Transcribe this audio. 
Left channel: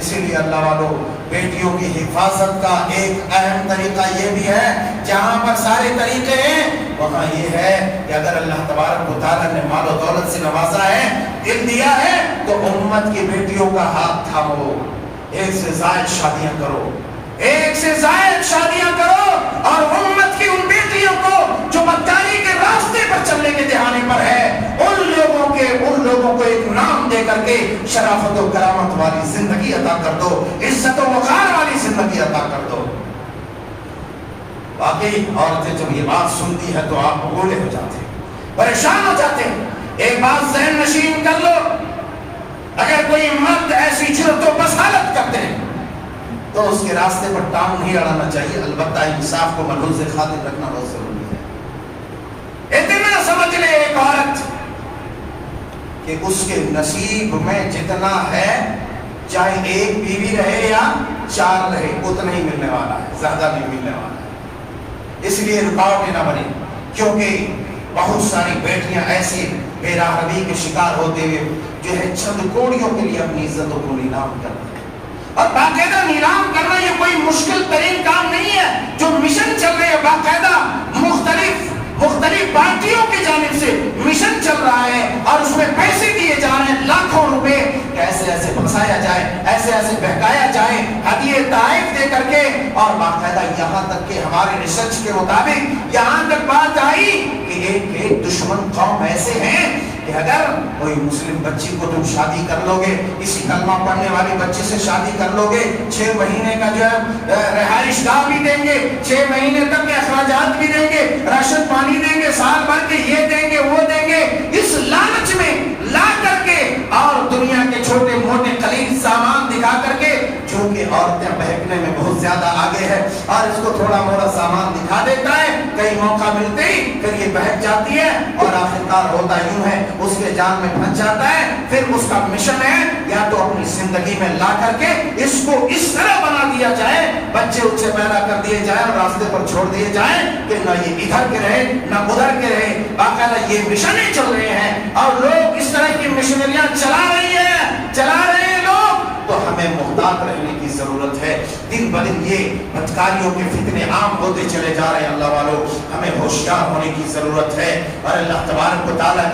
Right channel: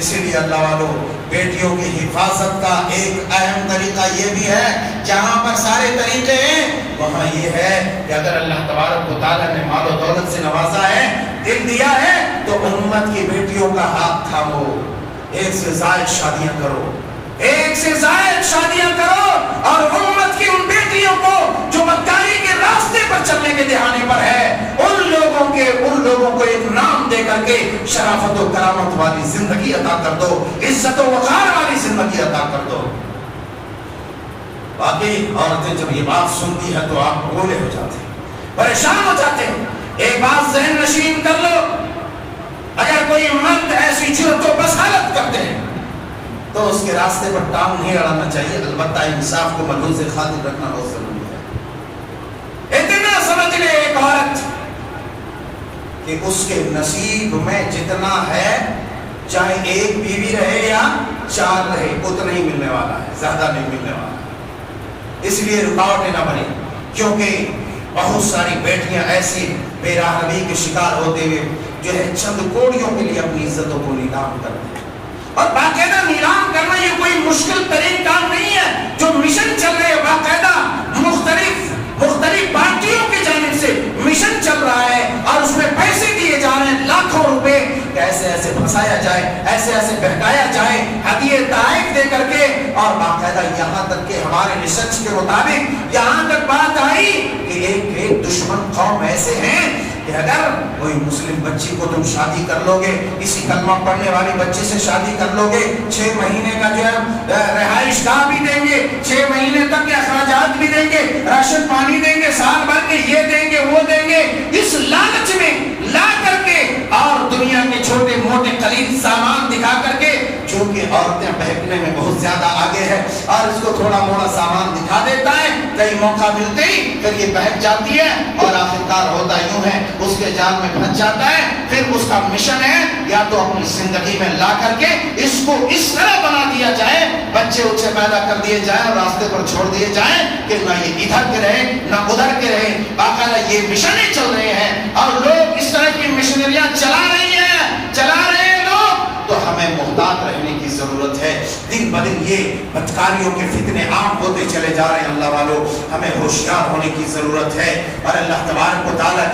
اسی لیے اللہ والوں بیٹیوں کی حفاظت کا ایک اہم طریقہ یہ بھی ہے، جہاں پر سارے طریقے ہیں وہاں یہ ہے کہ اگر اللہ تبارک و تعالیٰ نے مال و دولت سے نوازا ہے، دل دیا ہے، تو امت کی بیٹیوں کا ہاتھ تھامو، ایک سے زائد شادیاں کرو، ایک سے زائد شادیاں کرو، اور امت کی ان بیٹیوں کو جو مکاری کے راستے پر چلنے کے دہانے پر ہے، ان لوگوں کو ایک نام دے کر کے شرافت و کرامت والی زندگی عطا کر دو، عزت و وقار والی زندگی عطا کر دو۔ باقی عورتیں جب یہ بات سنتی ہے تو آپ بولے ہو جاتے ہیں، پریشان ہو جاتے ہیں۔ ایک بات ذہن نشین کر لو، اگر کوئی مرد ایسی جرت و بسالت کرتے ہیں تو اس کے راستے پر ٹانگ نہیں اڑانا چاہیے، البتہ انصاف کو ملحوظ خاطر رکھنا بہت ضروری ہے۔ اتنا سمجھ لے ایک عورت کہ اس کے نصیب میں جتنا ہے، چاہے ایک بیوی رہے یا 4 رہے، اتنا ہی ملنے والا ہے، زیادہ نہیں ملنے والا ہے۔ اس لیے رکاوٹیں نہ بنیں، کیونکہ بہت ساری بیٹیاں ایسی بے راہبی کے شکار ہوتے ہوئے جو ہے چند کوڑیوں کے لیے اپنی عزتوں کو نیلام کرتے ہیں، اور باقاعدہ نیلام کرنا یہ کوئی مشکل ترین کام نہیں ہے۔ جو مشن چل رہے ہیں باقاعدہ مختلف پارٹیوں کی جانب سے مشن چل رہا ہے، اور اس میں پیسے دیے جا رہے ہیں لاکھوں روپے، ایسے ایسے پھنسایا جائے، ایسے ایسے بہکایا جائے ہدیے تحائف دے کر کے، اور باقاعدہ یہاں تک کہ ہمارے ریسرچ کے مطابق یہاں تک بات آئی کہ ایک دشمن قوم ایسے ہیں کہ اگر کوئی مسلم بچی کو تم شادی کر لو گے، کسی کلمہ پڑھنے والی بچی سے شادی کر لو گے، 6 مہینے کا جو ہے رہائش گاہ بھی دیں گے، 6 مہینے تک کے اخراجات بھی دیں گے، راشن پانی دیں گے، سال بھر کے یہ دیں گے وہ دیں گے، اس لالچ میں لا کر کے اور دنیا کے چھوٹے موٹے قلیل سامان دکھا کر کے، چونکہ عورتیں بہکنے میں بہت زیادہ آگے ہے، اور اس کو تھوڑا موڑا سامان دکھا دیتا ہے، کئی موقع ملتے ہی پھر یہ بہک جاتی ہے، اور آخرکار ہوتا یوں ہے اس کے جان میں پھنس جاتا ہے۔ پھر اس کا مشن ہے یا تو اپنی زندگی میں لا کر کے اس کو اس طرح بنا دیا جائے، بچے اچھے پیدا کر دیے جائیں اور راستے پر چھوڑ دیے جائیں کہ نہ یہ ادھر کے رہے نہ ادھر کے رہے۔ باقاعدہ یہ مشنیں چل رہے ہیں، اور لوگ اس طرح کی مشنریاں چلا رہے ہیں لوگ، تو ہمیں محتاط رہنے کی ضرورت ہے۔ دن بدن یہ بدکاریوں کے فتنے عام ہوتے چلے جا رہے ہیں، اللہ والوں ہمیں ہوشیار ہونے کی ضرورت ہے، اور اللہ تبارک و تعالیٰ